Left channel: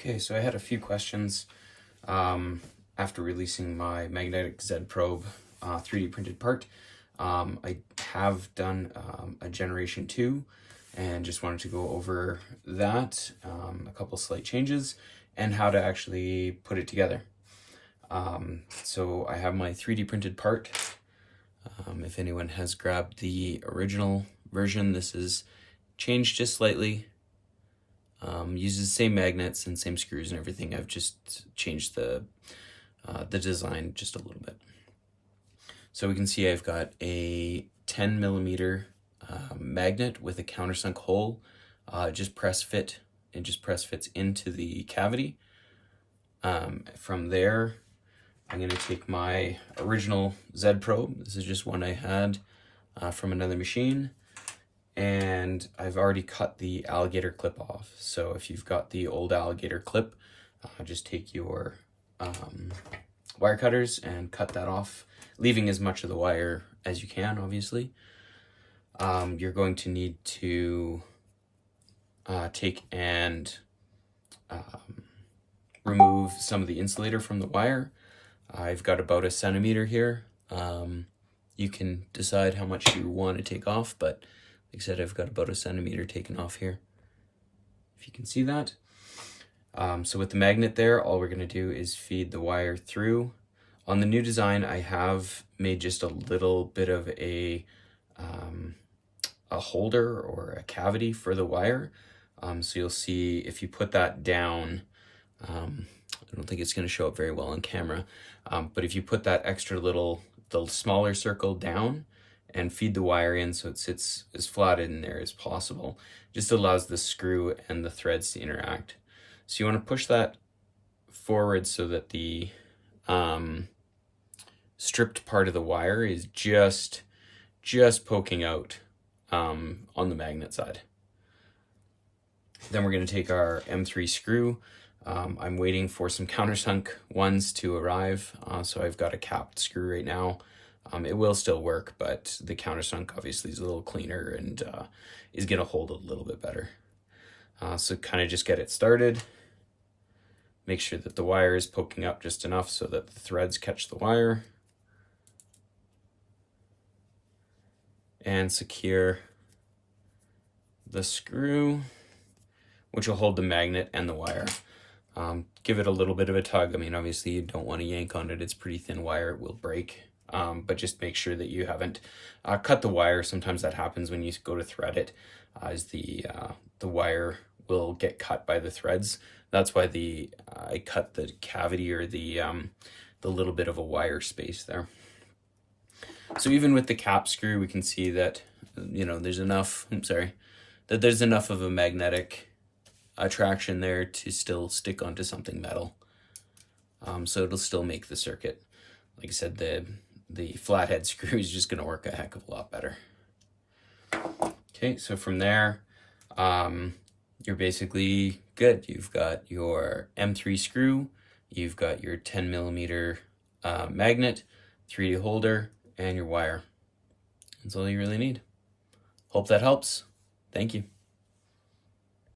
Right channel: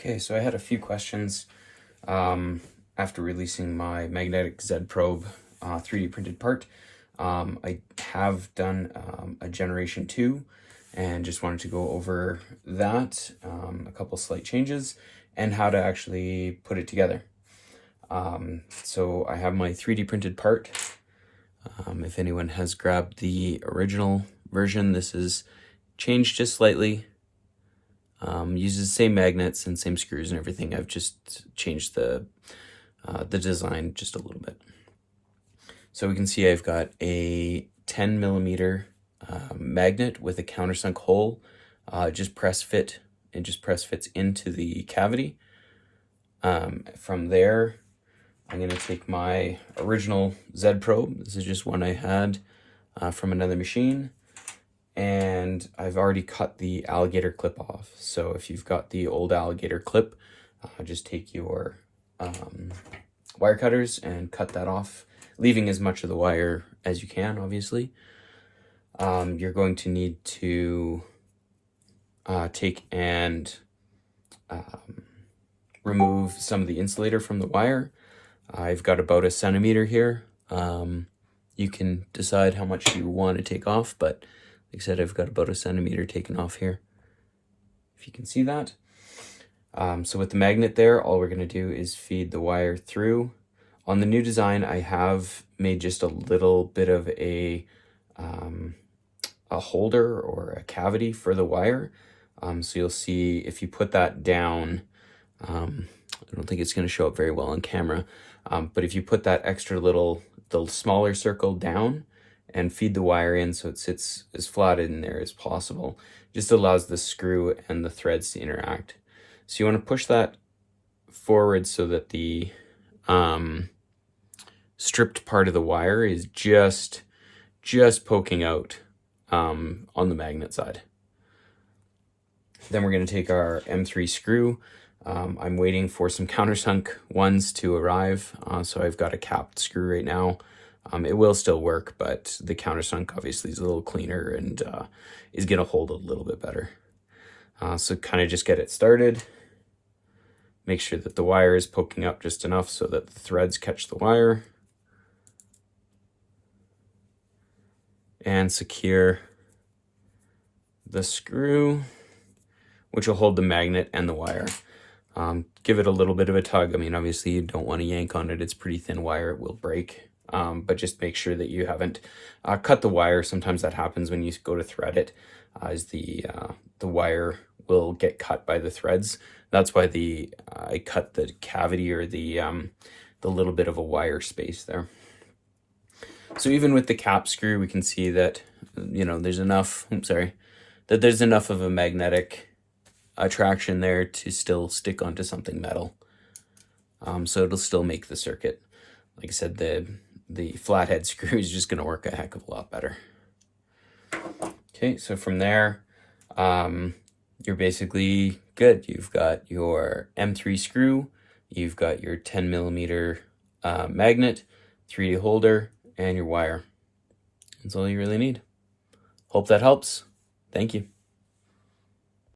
Okay, so I had a few questions after releasing my magnetic Z Probe 3D printed part. I have done a generation 2 and just wanted to go over that, a couple slight changes, and how to actually put it together. So I have my 3D printed part. If anyone has grabbed the original version, this is changed just slightly. Uses the same magnets and same screws and everything. I've just changed the design just a little bit. So we can see I've got a 10 millimeter magnet with a countersunk hole. It just press fits into the cavity. From there, I'm going to take my original Z Probe. This is just one I had from another machine. And I've already cut the alligator clip off. So if you've got the old alligator clip, just take your wire cutters and cut that off, leaving as much of the wire as you can, obviously. You're going to need to take and remove some of the insulator from the wire. I've got about 1 centimeter here. You can decide how much you want to take off, but like I said, I've got about 1 centimeter taken off here, if you can see that. So with the magnet there, all we're going to do is feed the wire through. On the new design, I have made just a little bit of a holder or a cavity for the wire. So you'll see if you put that down, I don't think it's going to show up very well on camera, but if you put that the smaller circle down, and feed the wire in so it sits as flat in there as possible, just allows the screw and the threads to interact. So you want to push that forward so that the stripped part of the wire is just poking out on the magnet side. Then we're going to take our M3 screw. I'm waiting for some countersunk ones to arrive, so I've got a capped screw right now. It will still work, but the countersunk obviously is a little cleaner and is going to hold a little bit better. So kind of just get it started. Make sure that the wire is poking up just enough so that the threads catch the wire. And secure the screw, which will hold the magnet and the wire. Give it a little bit of a tug. I mean, obviously you don't want to yank on it. It's pretty thin wire, it will break. But just make sure that you haven't cut the wire. Sometimes that happens when you go to thread it, as the wire will get cut by the threads. That's why I cut the cavity or the little bit of a wire space there. So even with the cap screw, we can see that there's enough. That there's enough of a magnetic attraction there to still stick onto something metal. So it'll still make the circuit. Like I said, the flathead screw is just going to work a heck of a lot better. Okay, so from there, you're basically good. You've got your M3 screw, you've got your 10 millimeter magnet, 3D holder, and your wire. That's all you really need. Hope that helps. Thank you.